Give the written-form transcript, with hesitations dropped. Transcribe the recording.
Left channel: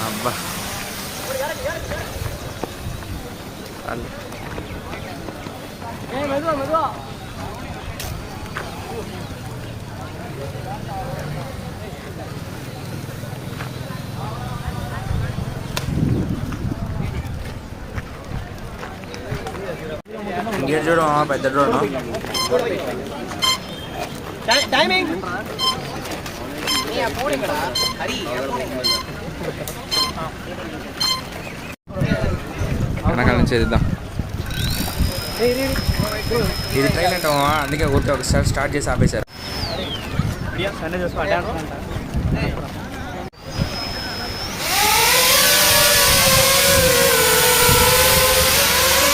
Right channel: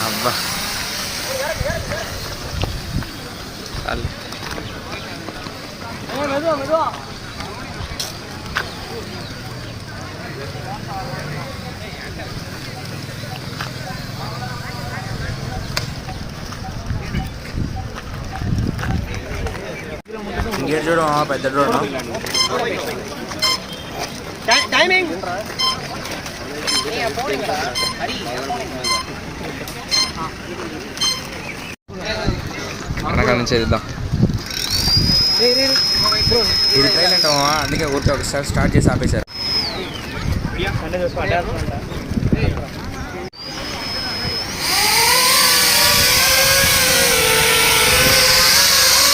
అబ్బా ఇంకేటి చూడ పెద్ద డ్రోన్ వెనకాల నుంచి వెళ్దాం. ఇది ట్రైల్ అంటామా, అందుకే ఊరికే ఒకసారి స్టార్ట్ చేసి ఆపేశారు.